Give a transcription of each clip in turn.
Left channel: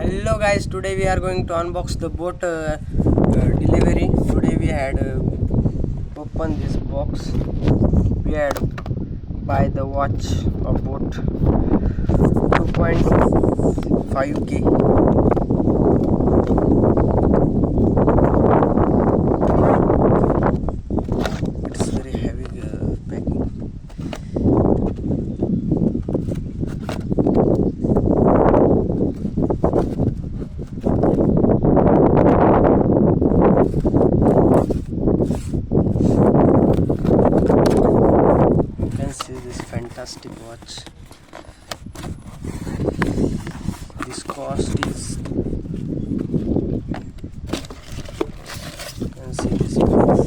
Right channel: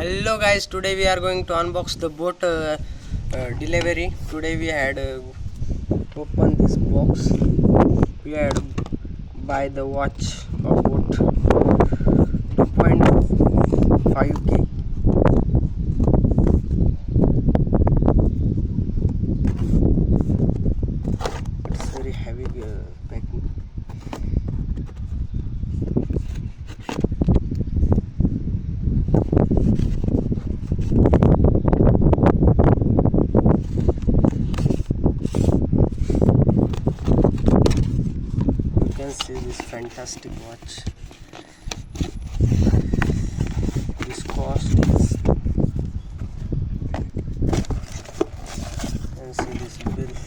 Hello guys, today we are going to unbox the boat delivery. Today we had opened this box. We had buy the watch of boat 2.5k. It's very heavy packing. You can see this fantastic watch. This cost is, you can see this price.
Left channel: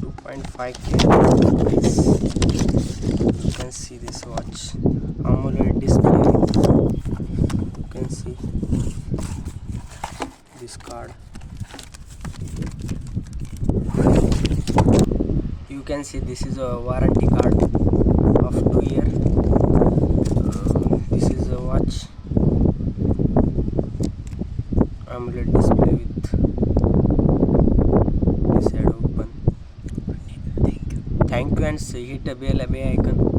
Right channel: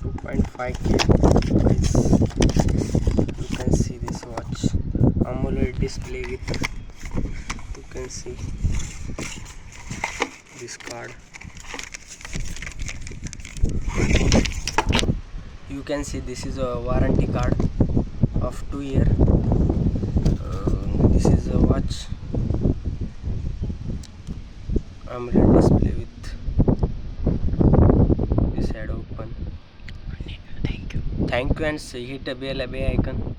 $2.5k. You can see this watch. AMOLED display. You can see this card. You can see this is a warranty card of 2 year. This is a watch. AMOLED display with this head open. Thank you and hit the bell icon.